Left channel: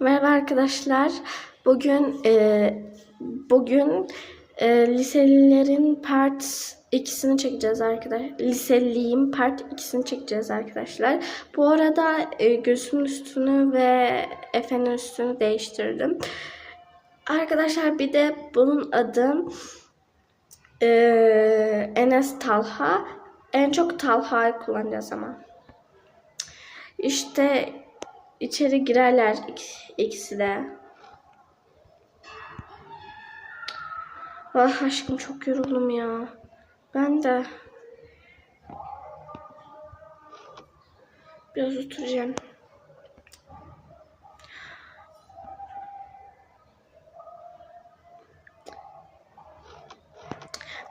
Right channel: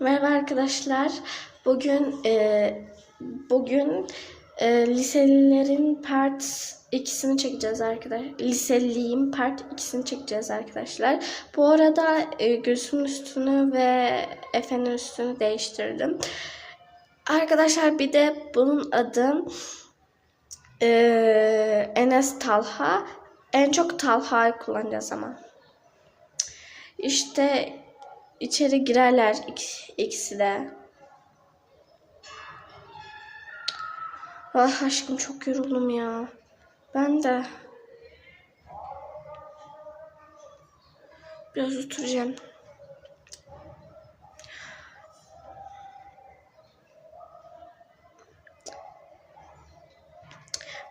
Merhaba arkadaşlar. Bugün e, bugün e, liselilerin part ikisini çekeceğiz arkadaşlar. Liseliyim part ikisini çekeceğiz arkadaşlar. Bu arada e, Gülsüm'ün üstünü ve Efe'nin üstünü değiştirdim. Arkadaşlar bir de bunun adı e, Enes Talha. En çok Talha'yı kullanacağız ama. İşte içeri girerler ik- ikisi de. Ah aşkım çok yoruldum ya. Ben de. Biraz oturacağım.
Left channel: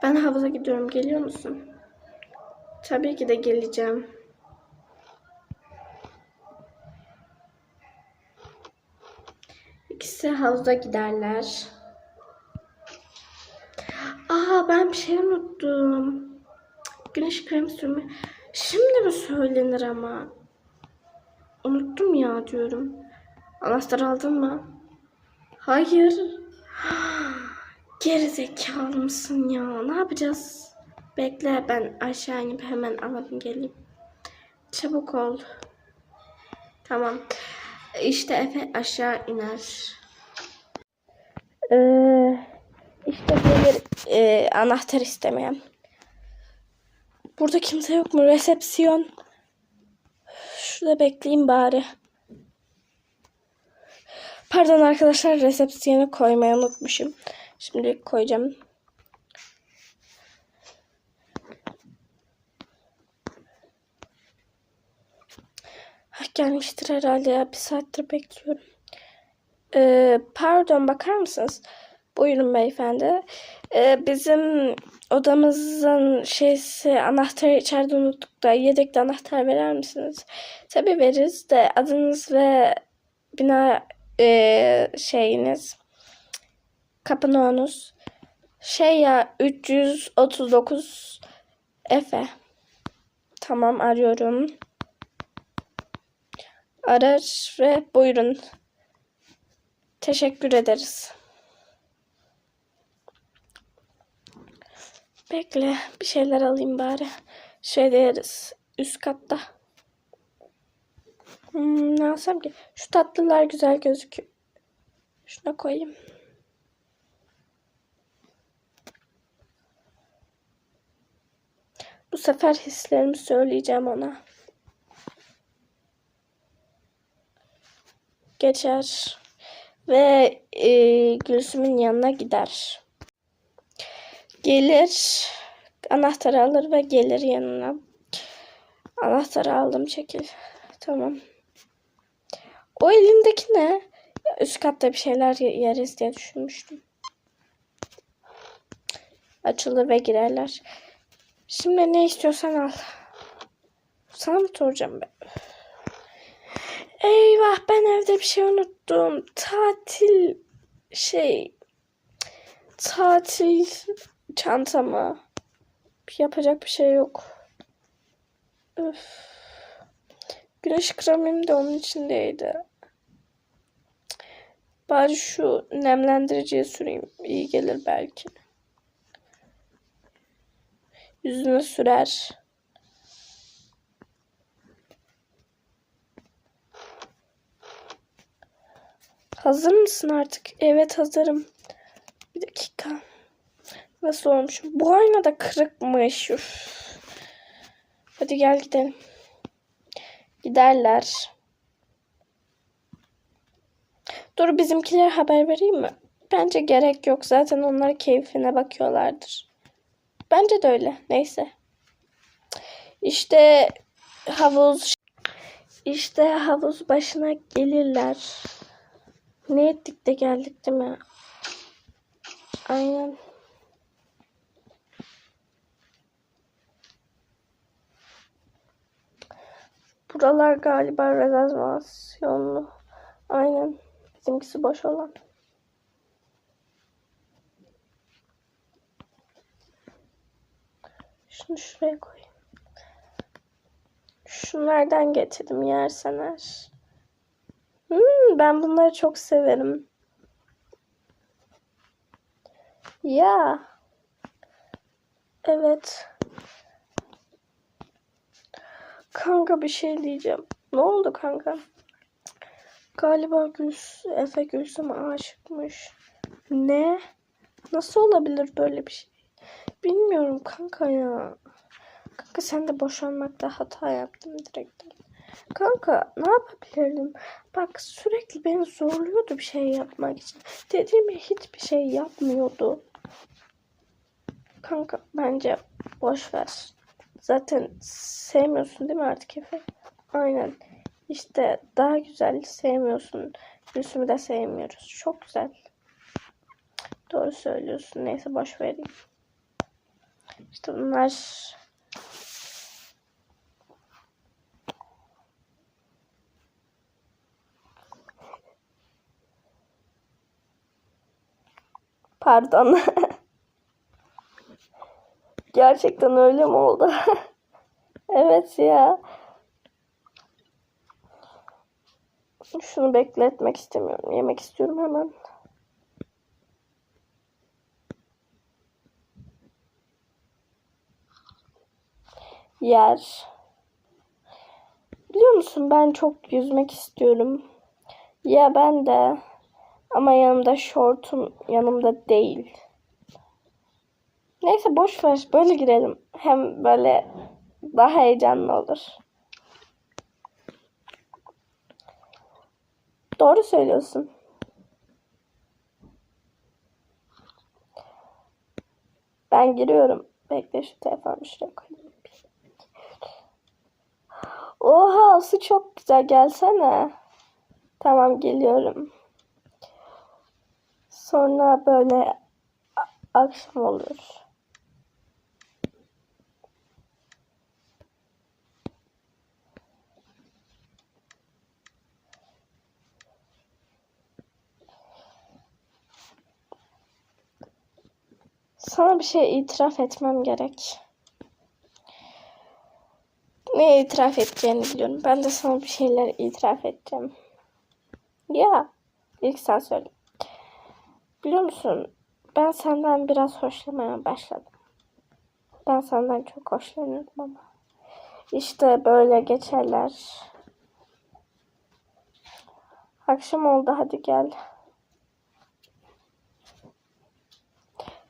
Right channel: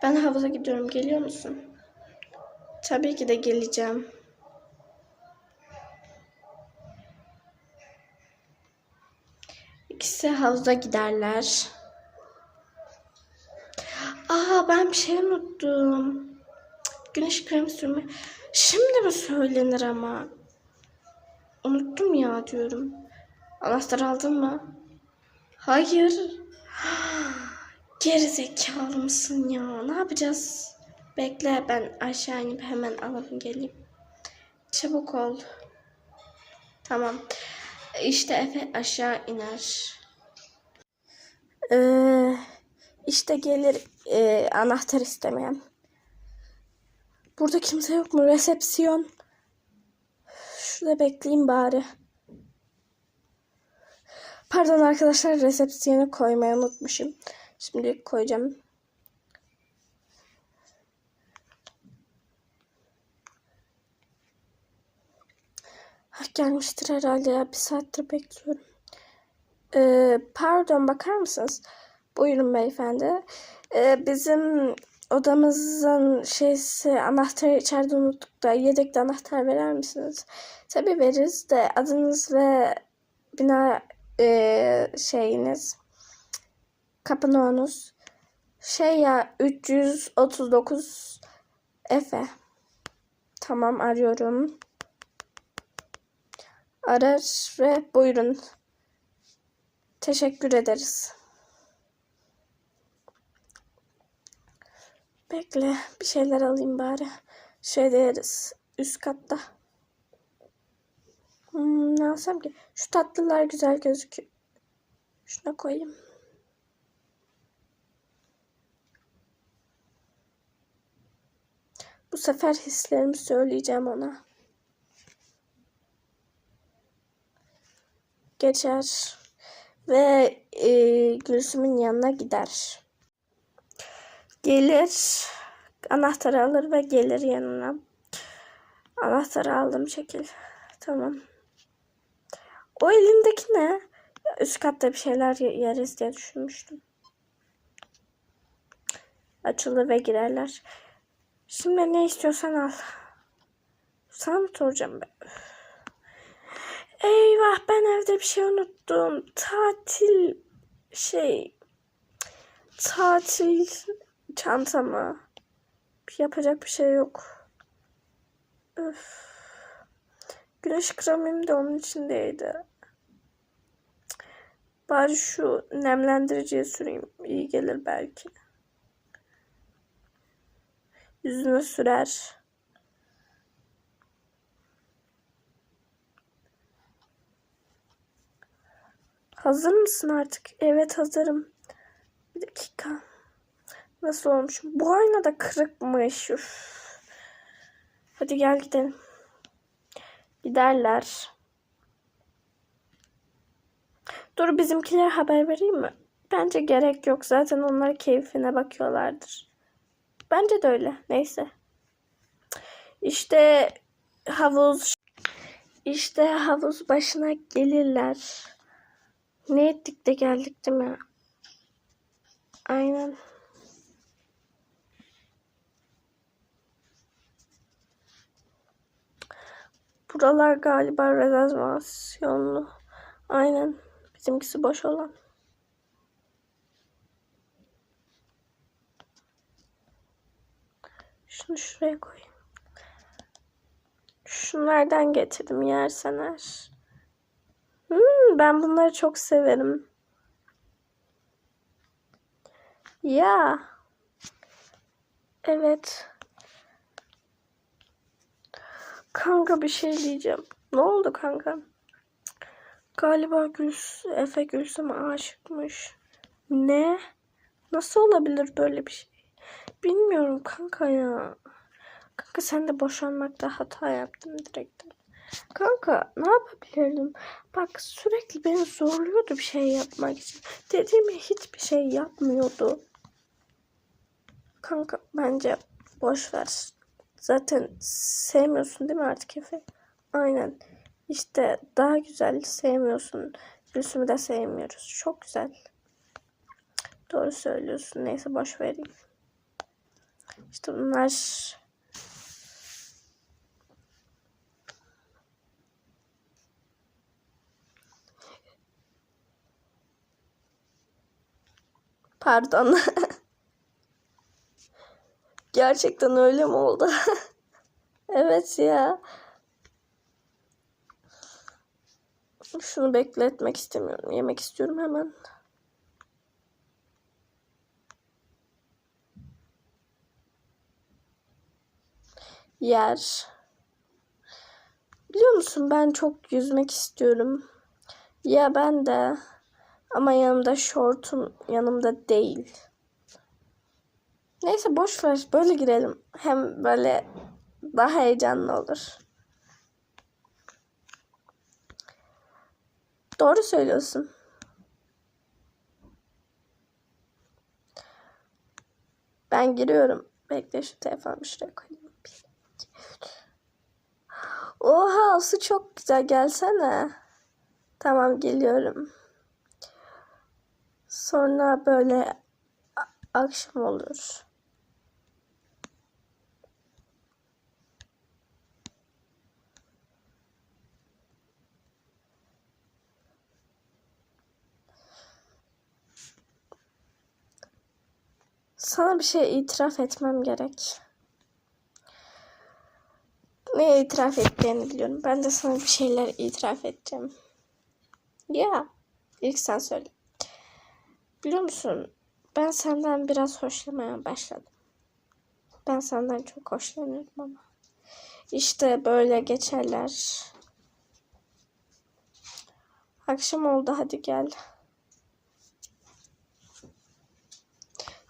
Ben havuza gidiyorum. Geliyor musun? Tabii ki de geleceğim. İkisi havuza giderler. Aa ben bir şey unuttum. Güneş kremi sürme. Şimdi mi söylenir ama? Unuttum ya diyorum. Anahtar aldın mı? Hayır. Geri zekalı mısın ya? Ne yapacağız? Bekle ben aşağı inip hemen alıp geleyim. Çabuk ol. Tamam. İşte Efe aşağı iner. Ee, işte gelir e, anahtar istemeyen. Burada kimse yok mu? Resepsiyon. Şurada bekleyeyim bari. Pardon arkadaşlar resepsiyonu koymayı unutmuşum. Şimdi koyacağım. Hah, gelmiştir herhalde ya. Bir saattir bekliyorum. Ee, pardon bakar mısınız? Buyurun beyefendi. Ee, bizim odamızın şeysi anahtarı içeride unuttuk da yedekli anahtar verer misiniz? Tabii veririz de adınız ve bina e, şeyiniz kapı numaranız şey ya 339 Efe. Tamam arıyorum. Arar ve buyurun. Teşekkür ederiz. Bekle bir şeyler alayım bari. Şey deriz üst katta. Hmm, ne alsam ki? Şu tatlılar güzel gözüküyor. Şuna koyayım. Bu sefer hislerimi söyleyeceğim ona. Geçer ve e, Gülsüm'ün yanına gider. Gelir, anahtarı alır ve gelir yanına. Anahtarı aldım çekil. Tamam. O elindeki ne? Üst katta bir şeyler ye- yeriz diye düşünmüştüm. Açılır ve girerler. Şimdi ne istiyorsan al. Sana mı soracağım ben? Eyvah ben evde bir şey unuttum. Tatil şey tatil çantamı. Yapacak bir şey yok. Öf. Güneş kremim de onun içindeydi. Bari şu nemlendiriciyi süreyim. İyi gelir belki. Yüzüne sürer. Hazır mısın artık? Evet hazırım. Bir dakika. Nasıl olmuş? Bu ayna da kırıkmış. Üf. Hadi gel gidelim. Giderler. Dur bizimkilere haber vereyim mi? Bence gerek yok. Zaten onlar keyfine bakıyorlardır. Bence de öyle. Neyse. İşte havuz işte havuz başına gelirler. Ne ettik de geldik değil mi? Aynen. Buralar galiba rezervasyonlu. Aynen. Bizimkisi boş olan. Şunu şuraya koyayım. Şunlardan getirdim yersen eğer. Hmm, ben bunları çok severim. Ya. Evet. Kanka bir şey diyeceğim. Ne oldu kanka? Galiba Güls Efe Gülsüm'e aşıkmış. Ne? Nasıl olabilir böyle bir şey? Bilmiyorum kanka ya. Kanka sen de boşanmakta hata yaptın direkt. Kanka ne yapabilirim? Bak sürekli beni zorluyordu bir şey yapmak için. Dediğimi hiçbir şey yapmıyordu. Kanka bence boş ver. Zaten sevmiyorsun değil mi artık Efe? Aynen. İşte daha güzel sevmiyorsun. Gülsüm'ü de sevmiyoruz. Çok güzel. Doğru söylüyorsun. Neyse boş vereyim. İşte bunlar Pardon. Gerçekten öyle mi oldu? evet ya. Şunu bekletmek istemiyorum. Yemek istiyorum hemen. Yer. Biliyor musun ben çok yüzmek istiyorum. Ya ben de. Ama yanımda şortum yanımda değil. Neyse boş ver böyle girelim. Hem böyle daha heyecanlı olur. Doğru söylüyorsun. Ben giriyorum. Bekle şu telefonu şuraya koyayım. Oha su çok güzel gelsene. Tamam geliyorum. Sonra böyle akşam olur. Sana bir şey itiraf etmem gerek. Ne itiraf edeceğini biliyorum. Ben de sana bir şeyler itiraf edeceğim. Ya, ilk sen söyle. Biliyor musun? Ben senden biraz hoşlanmaya başladım. Ben senden çok hoşlanıyorum ama. İşte böyle geçerler. Akşam oldu hadi gel.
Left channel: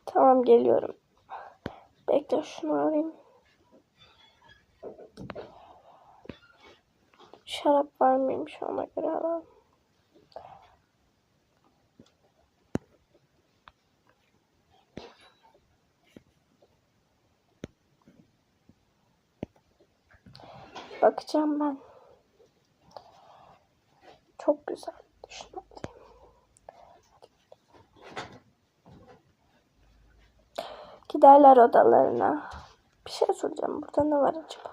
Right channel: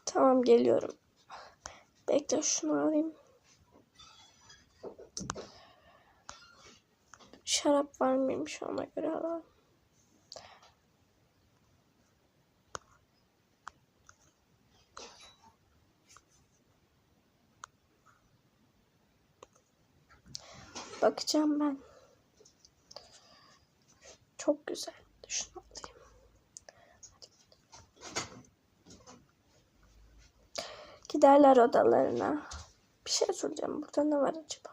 Tamam geliyorum. Bekle şunu alayım. Şarap var mıymış ona göre alalım. Bakacağım ben. Çok güzel. Şunu alayım. Giderler odalarına. Bir şey soracağım. Burada ne var acaba?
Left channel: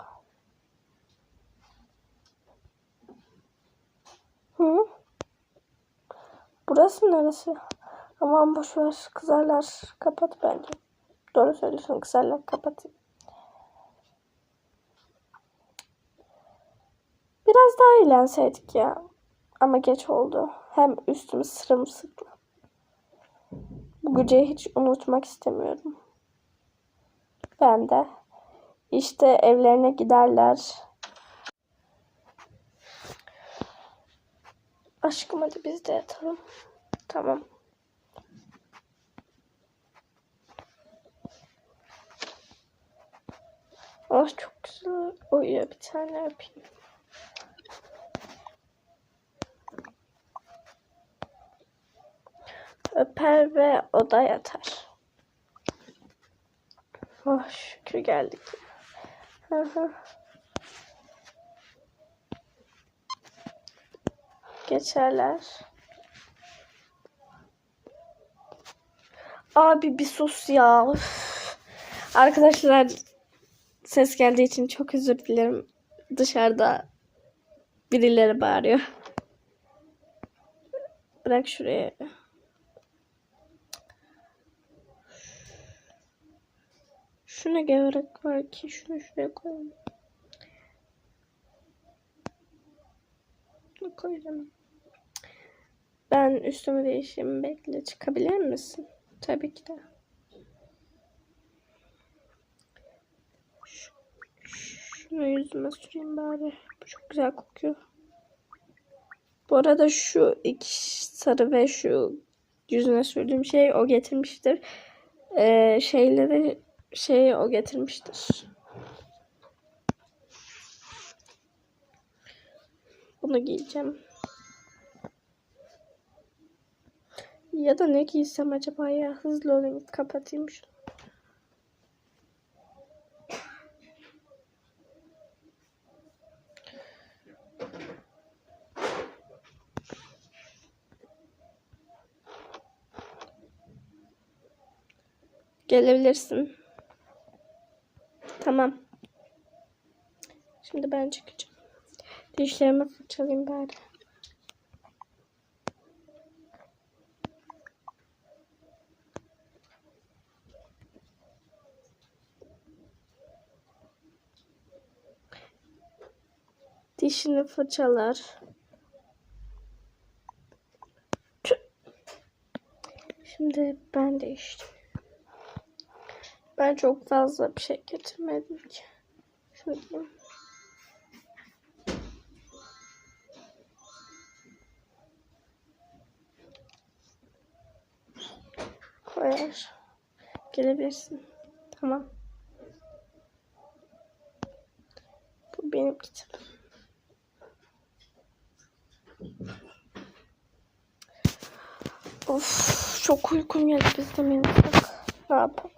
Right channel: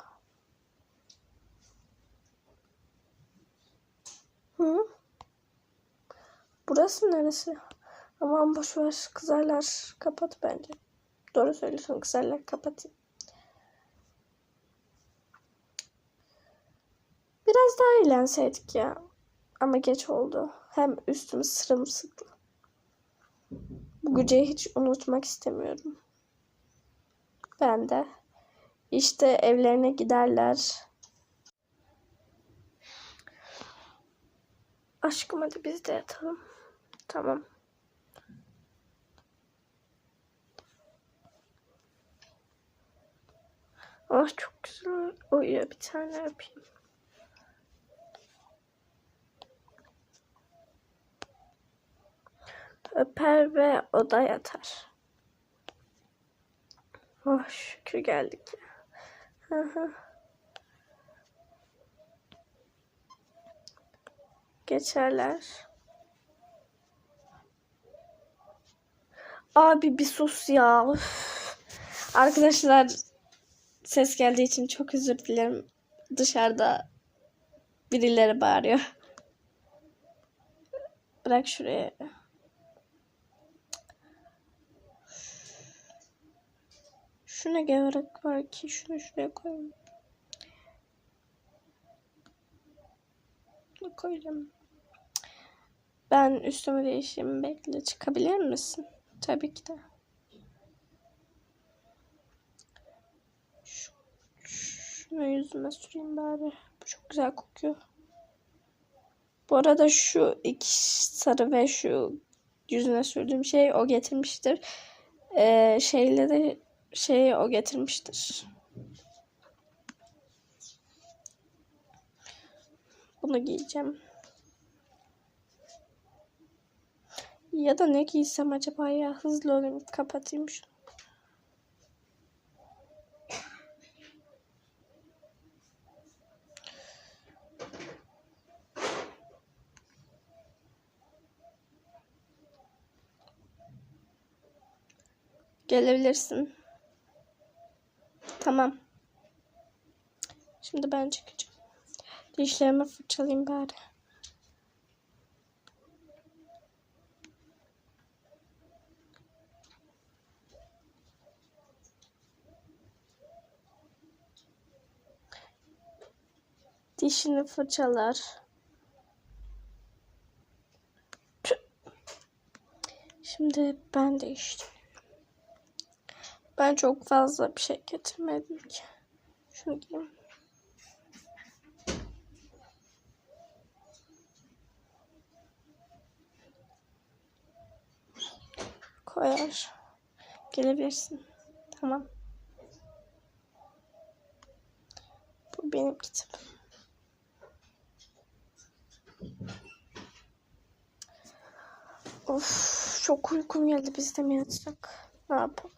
Hı? Burası neresi? Aman boş ver. Kızarlar. Kapat bence. Doğru söylüyorsun. Kızarlar. Kapatayım. Biraz daha eğlenseydik ya. Ama geç oldu. Hem üstüm sırımsıklam. Bu geceyi hiç unutmak istemiyorum. Ben de. İşte evlerine giderler. Aşkım hadi biz de yatalım. Tamam. Ah çok güzel uyuyor bir tane yapayım. Öper ve oda yatar. Oh şükür geldik. Hı. Geçerler. Abi bir sus ya. Üf. Arkadaşlar ses geldiği için çok özür dilerim. Dışarıda birileri bağırıyor. Bırak şuraya. Şuna gerek var ki şunu şuraya koyayım. Bunu koyacağım. Ben üstümü değişeyim. Bekle çıkabilir misin? Tabii ki de. Şu- Şunu yüzüme süreyim bari. Bu çok güzel kokuyor. Bu arada şu iki sarı ve şu yüzüne sürdüğüm şey o getirmiştir. Ee, şeyleri şeyi o getirmiştir. Bunu giyeceğim. Ya da ne giysem acaba ya hızlı olayım kapatayım şunu. Gelebilirsin. Tamam. Şimdi ben çıkacağım. Dişlerimi fırçalayayım bari. Dişini fırçalar. Şimdi ben de işte. Ben çok fazla bir şey getirmedim ki. Şunu. Koyar. Gelebilirsin. Tamam. Bu benim kitabım. Of çok uykum geldi biz de mi? Ne yapalım?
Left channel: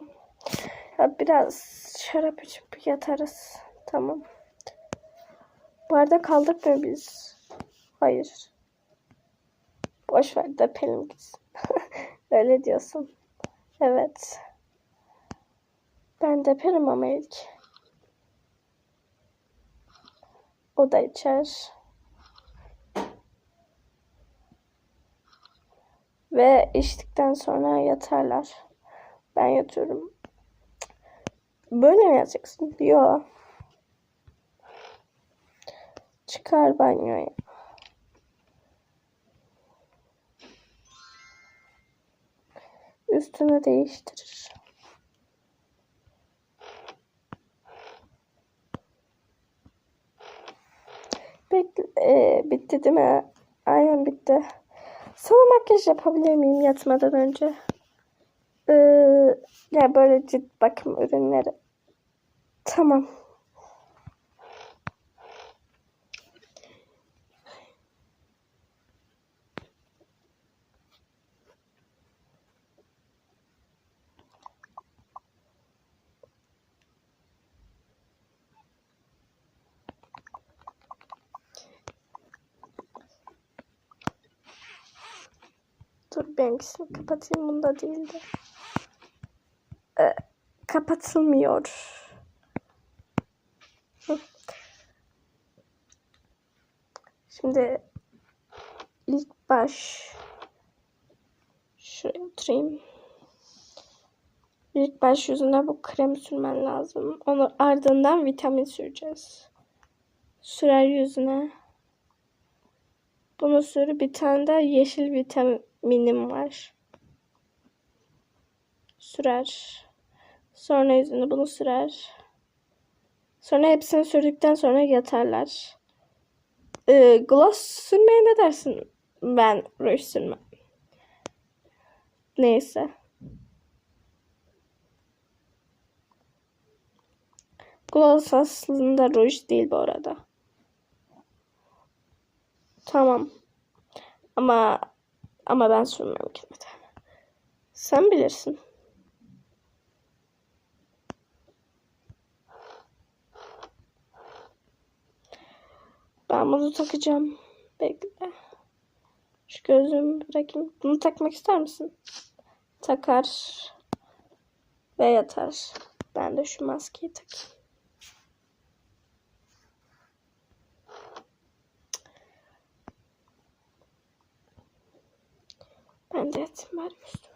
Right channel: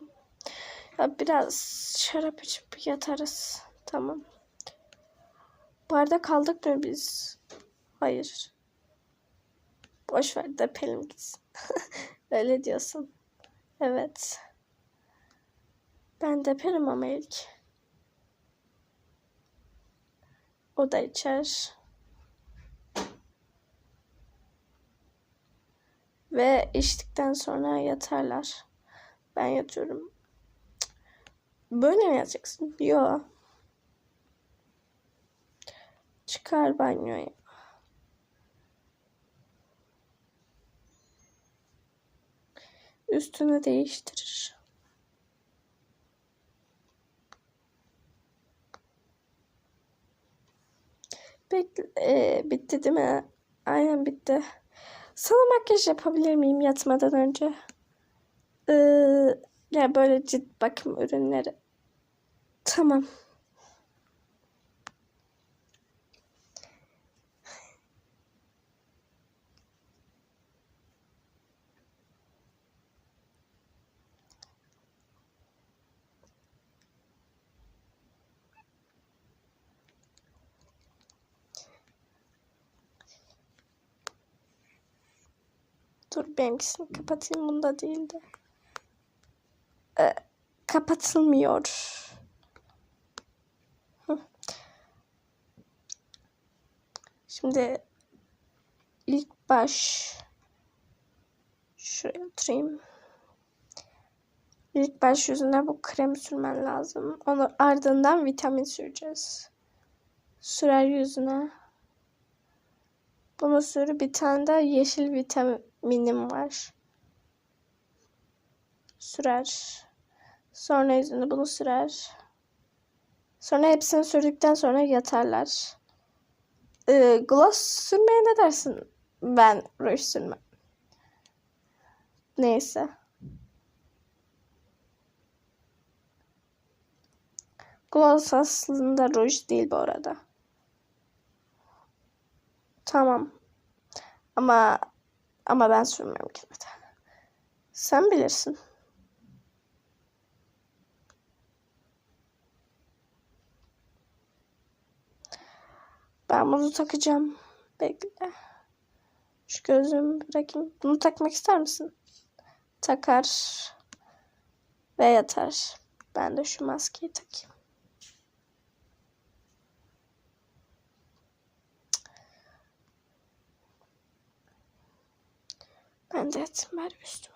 Ya biraz şarap içip yatarız. Tamam. Bu arada kaldık mı biz? Hayır. Boş ver de Pelin gitsin. Öyle diyorsun. Evet. Ben de Pelin ama ilk. O da içer. Ve içtikten sonra yatarlar. Ben yatıyorum. Böyle mi yatacaksın? Yok. Çıkar banyoya. Üstünü değiştirir. Bekle, e, bitti değil mi? Aynen bitti. Sana makyaj yapabilir miyim yatmadan önce? Ee, ya böyle cilt bakım ürünleri. Tamam. Dur benimkisini kapatayım. Bunda değildi. Ee, kapatılmıyor. Şimdi ilk baş şuraya oturayım. İlk baş yüzüne bu krem sürmen lazım. Onu ardından vitamin süreceğiz. Sürer yüzüne. Bunu sür. Bir tane de yeşil vitaminim var. Sürer. Sonra yüzüne bunu sürer. Sonra hepsini sürdükten sonra yatarlar. Ee, gloss sürmeye ne dersin? Ben ruj sürmem. Neyse. Gloss aslında ruj değil bu arada. Tamam. Ama ama ben sürmem de. Sen bilirsin. Ben takacağım. Bekle. Şu gözlüğümü bırakayım. Bunu takmak ister misin? Takar. Ve yatar. Ben de şu maskeyi takayım. Ben de yatayım bari üstümü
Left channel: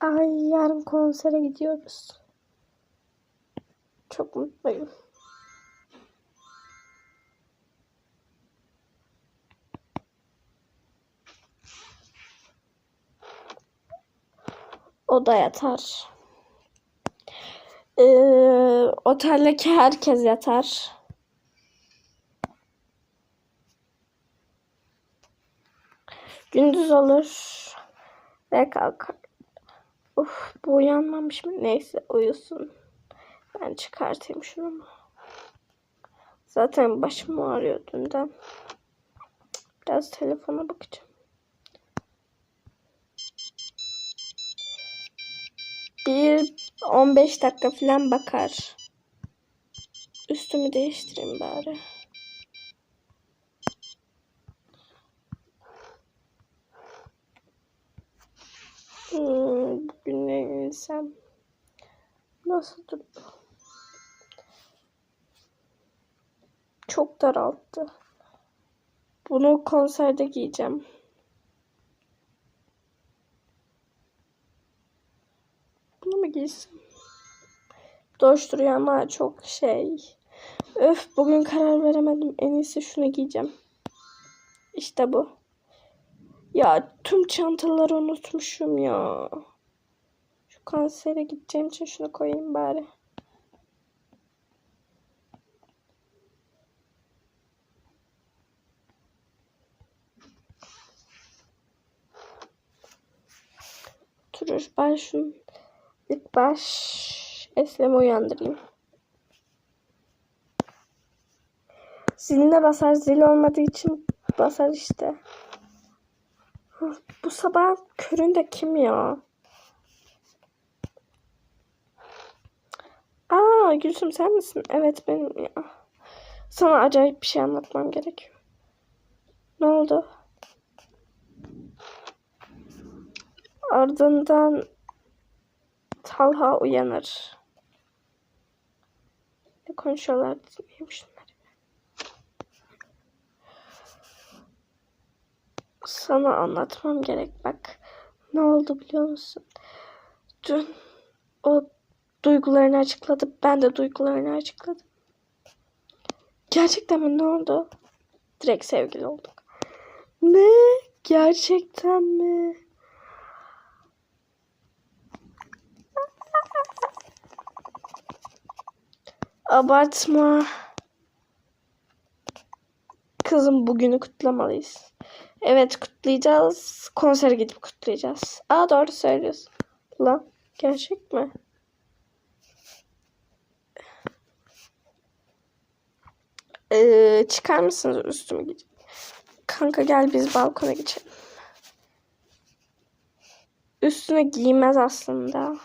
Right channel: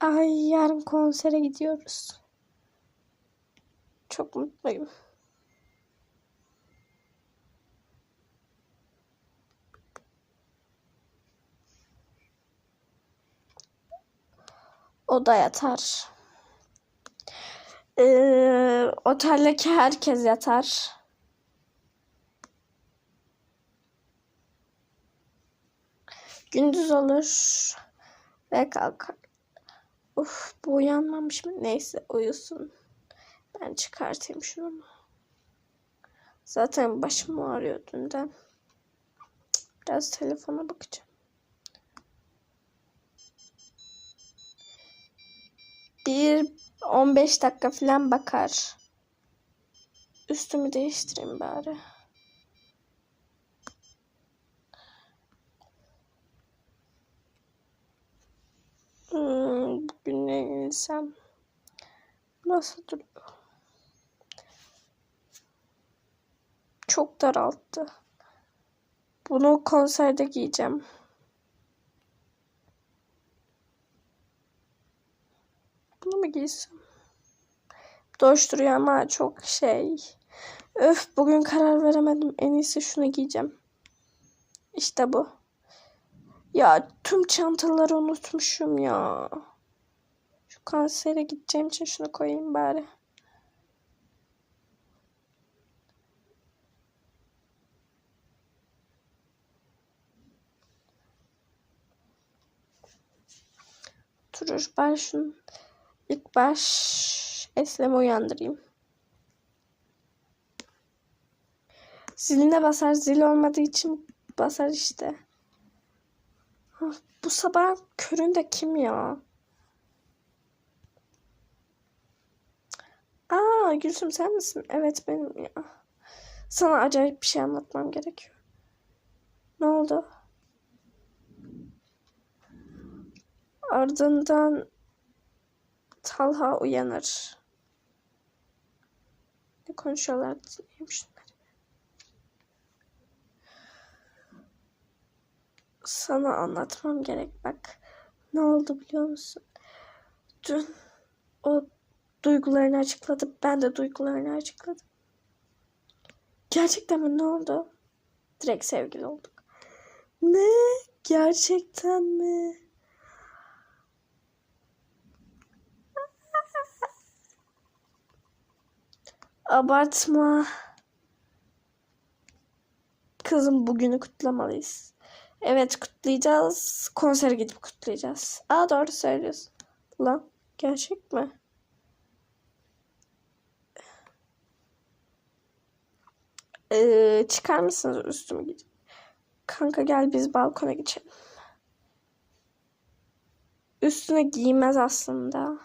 Ay yarın konsere gidiyoruz. Çok mutluyum. O da yatar. Ee, oteldeki herkes yatar. Gündüz olur ve kalkar. Uf bu uyanmamış mı? Neyse uyusun. Ben çıkartayım şunu. Zaten başım ağrıyor dünden. Biraz telefona bakacağım. Bir 15 dakika falan bakar. Üstümü değiştireyim bari. Hmm, bugün ne giysem? Nasıl duruyor? Çok daralttı. Bunu konserde giyeceğim. Bunu mu giysem? Doğuş duruyor ama çok şey. Öf bugün karar veremedim. En iyisi şunu giyeceğim. İşte bu. Ya tüm çantaları unutmuşum ya. Şu konsere gideceğim için şunu koyayım bari. Durur ben şunu ilk baş Eslem'i uyandırayım. Ziline basar zil olmadığı için basar işte. Of, Bu sabah köründe kim ya? Aa Gülsüm sen misin? Evet benim ya. Sana acayip bir şey anlatmam gerekiyor. Ne oldu? Ardından Talha uyanır. Ne konuşuyorlar dinleyeyim Sana anlatmam gerek bak. Ne oldu biliyor musun? Dün o duygularını açıkladı. Ben de duygularını açıkladım. Gerçekten mi? Ne oldu? Direkt sevgili olduk. Ne? Gerçekten mi? Abartma. Kızım bugünü kutlamalıyız. Evet kutlayacağız. Konsere gidip kutlayacağız. Aa doğru söylüyorsun. Lan gerçek mi? Ee, çıkar mısınız üstümü giyeceğim. Kanka gel biz balkona geçelim. Üstüne giymez aslında.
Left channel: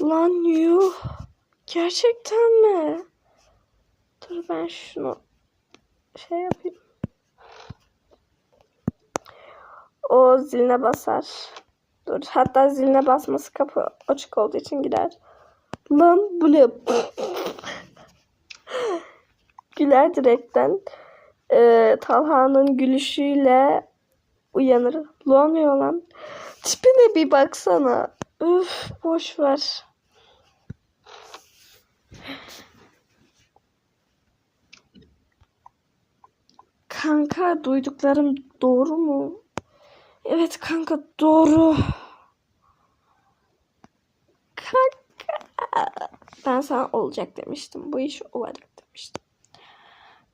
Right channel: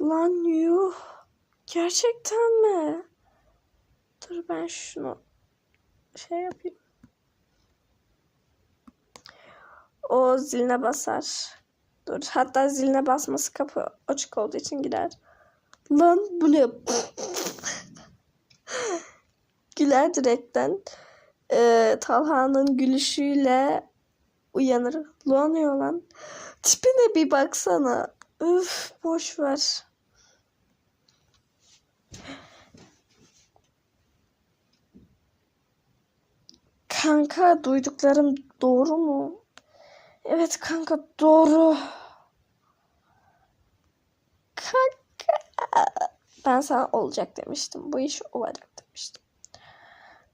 Lan yuh. Gerçekten mi? Dur ben şunu şey yapayım. O ziline basar. Dur hatta ziline basması kapı açık olduğu için gider. Lan bu ne? Güler direkten. Ee, Talha'nın gülüşüyle uyanır. Lan lan. Tipine bir baksana. Üf boş ver. Kanka duyduklarım doğru mu? Evet kanka doğru. Kanka. Ben sana olacak demiştim. Bu iş olacak demiştim.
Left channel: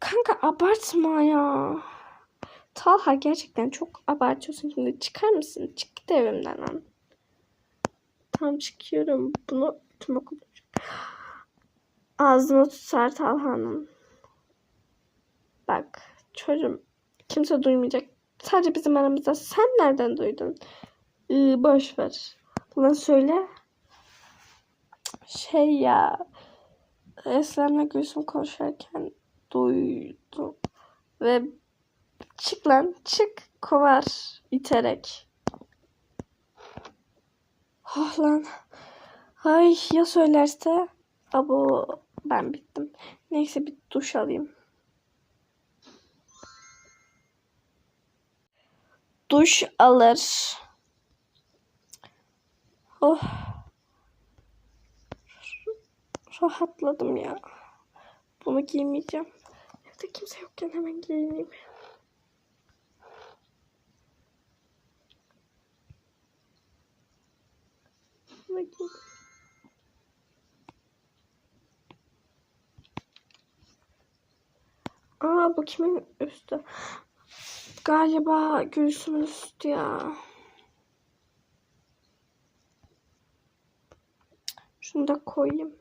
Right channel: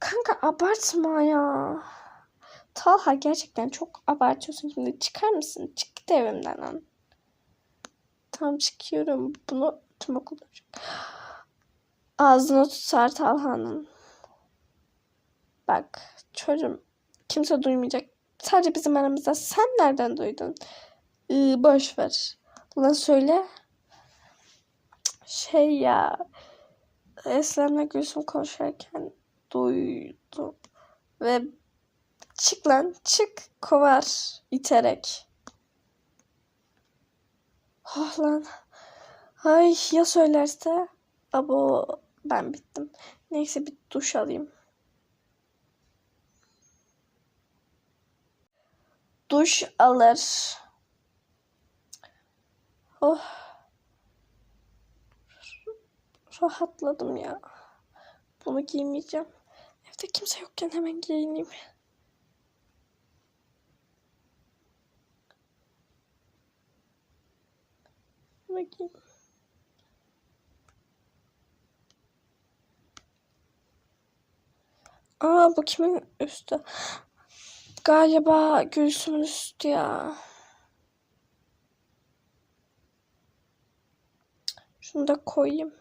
Kanka abartma ya. Talha gerçekten çok abartıyorsun. Şimdi çıkar mısın? Çık git evimden lan. Tam çıkıyorum. Bunu tüm okul. Ağzını tutar Talha'nın. Bak çocuğum kimse duymayacak. Sadece bizim aramızda. Sen nereden duydun? Ee, boş ver. Ulan söyle. Şey ya. Eslem'le Gülsüm konuşurken duydum. Ve çık lan çık kovar iterek. Oh lan. Ay ya söylerse? Abo ben bittim. Neyse bir duş alayım. Duş alır. Oh. Rahatladım ya. Bunu giymeyeceğim. Evde kimse yokken hemen giyineyim. Bakayım. Aa bu kimin üstü? Galiba Gülsüm'ün üstü ya. Şunu da koyayım.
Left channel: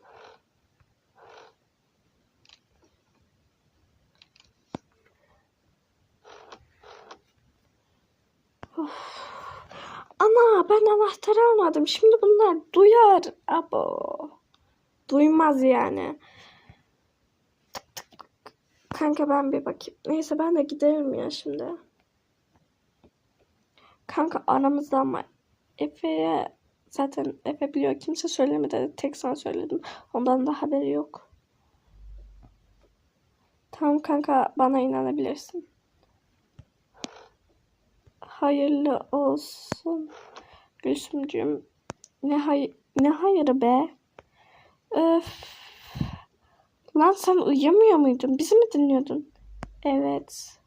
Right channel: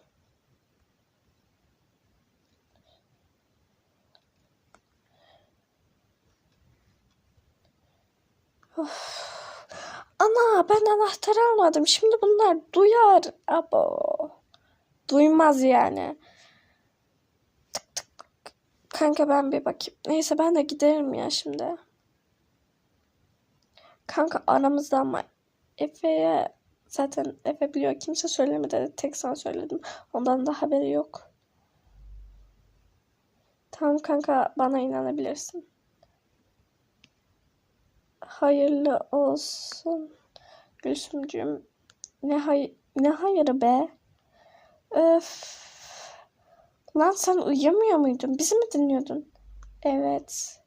Of. Ana ben anahtar almadım. Şimdi bunlar duyar. Abo. Duymaz yani. Tık tık. Kanka ben bir bakayım. Neyse ben de giderim ya şimdi. Kanka aramızda ama Efe'ye zaten Efe biliyor. Kimse söylemedi. Tek sen söyledim. Ondan da haberi yok. Tamam kanka bana inanabilirsin. Hayırlı olsun. Gülsümcüğüm. Ne hay ne hayırı be? Öf. Lan sen uyuyamıyor muydun? Bizi mi dinliyordun? Evet.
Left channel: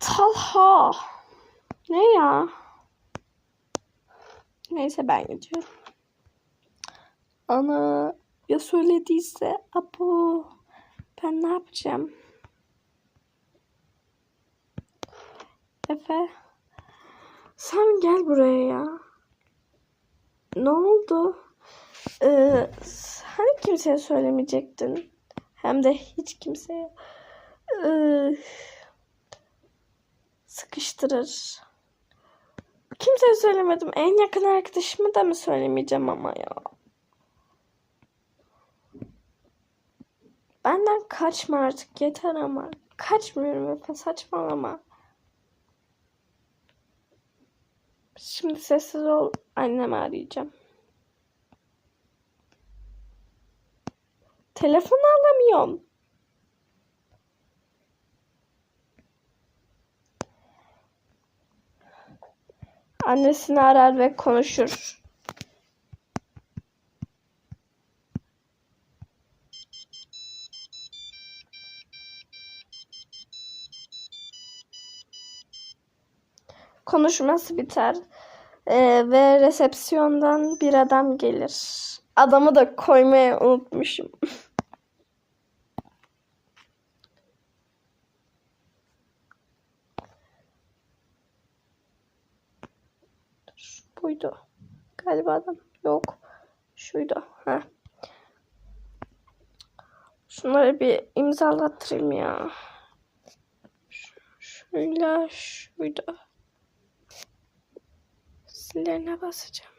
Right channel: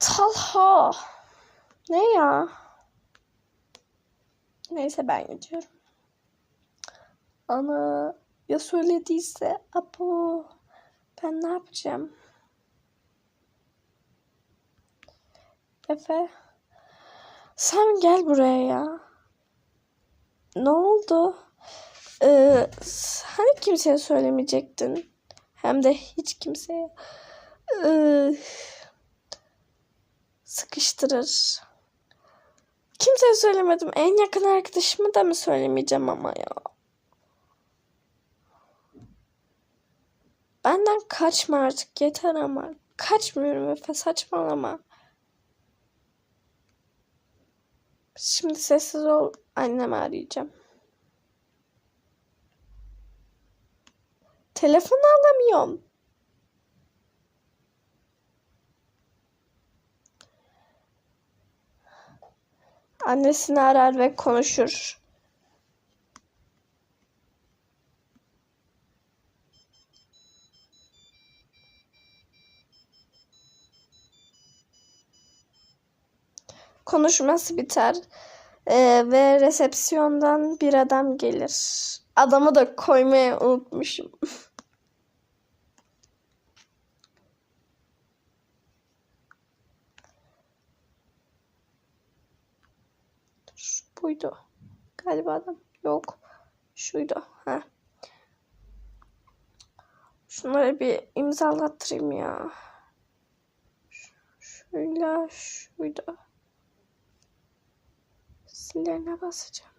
Talha. Ne ya? Neyse ben gidiyorum. Ana ya söylediyse apo ben ne yapacağım? Efe sen gel buraya ya. Ne oldu? Ee, hani kimseye söylemeyecektin? Hem de hiç kimseye. Ee, sıkıştırır. Kimseye söylemedim. En yakın arkadaşımı da mı söylemeyeceğim ama ya. Benden kaçma artık yeter ama. Kaçmıyorum Efe saçmalama. Şimdi sessiz ol. Annemi arayacağım. Telefon alamıyorum. Annesini arar ve konuşur. Konuşması biter. Ee, ve resepsiyondan bir adam gelir. Adamı da koymayı unutmuşum. Şu buydu. Galiba adam. Yok. Şuydu. Ha. Şunları bir imzalattırayım ya. Şuyla şuydu. Sillerine basacağım.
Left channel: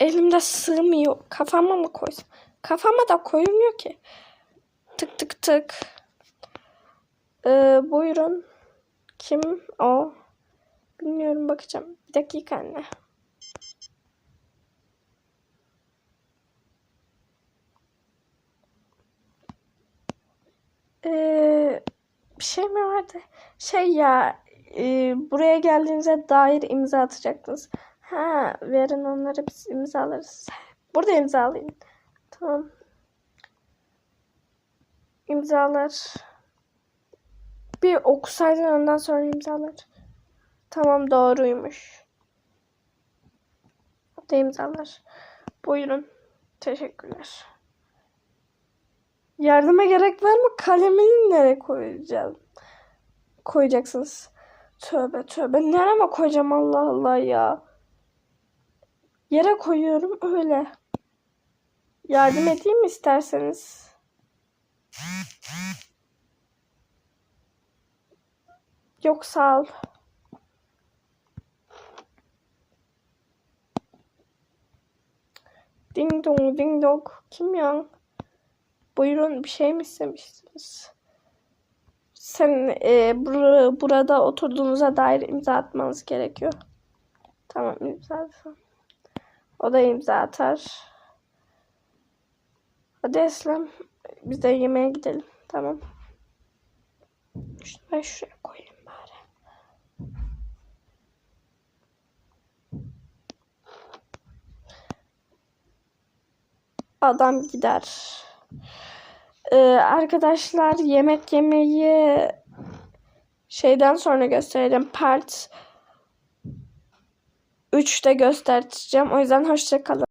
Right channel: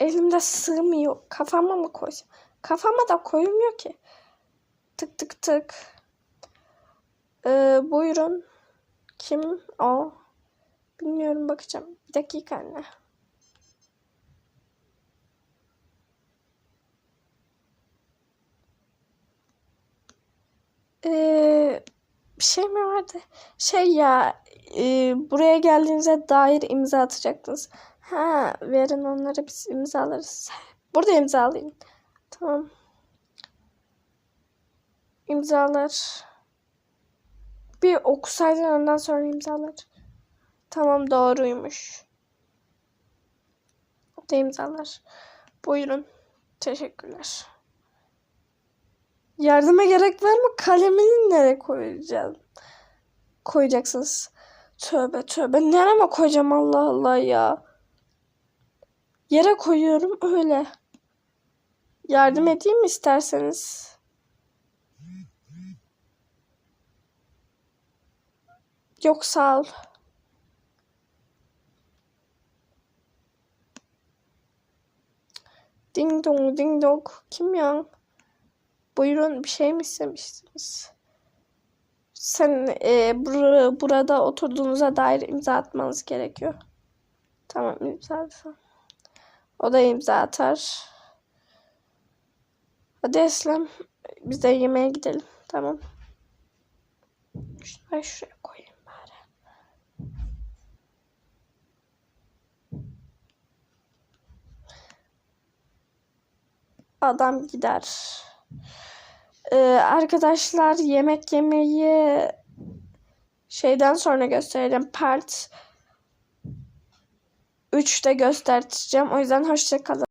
Elimde sığmıyor. Kafama mı koysam? Kafama da koyulmuyor ki. Tık tık tık. Ee, buyurun. Kim o? Bilmiyorum bakacağım. Bir dakika anne. Ee, bir şey mi vardı? Şey ya e, buraya geldiğinize dair imza atacaktınız. Ha verin onları biz imzalarız. Burada imzalayın. Tamam. İmzalar. Bir okusaydın ondan sonra imzalar. Tamam doğruymuş. Burada imzalar. Buyurun. Teşekkürler. Yardıma gerek var mı? Kalemini nereye koyacağım? Koyacaksınız. Tövbe tövbe. Nereye koyacağım Allah Allah ya. Yere koyuyorum öyle. Yardım edeyim mi isterseniz? Yok sağ ol. Ding dong ding dong. Kim ya? Buyurun bir şey mi istemiştiniz? Sen e, bur burada oturduğunuza dair imza atmanız gerekiyor. Tamam imza atsam. O da imza atar. Hadi Eslem. Biz de yemeğe gidelim. Tamam. Şunu şuraya koyayım adam gider. Ee, arkadaşlar yemek yemeyi şeyden sonra gösterelim. Part 3'te göstereceğim. O yüzden hoşça kalın.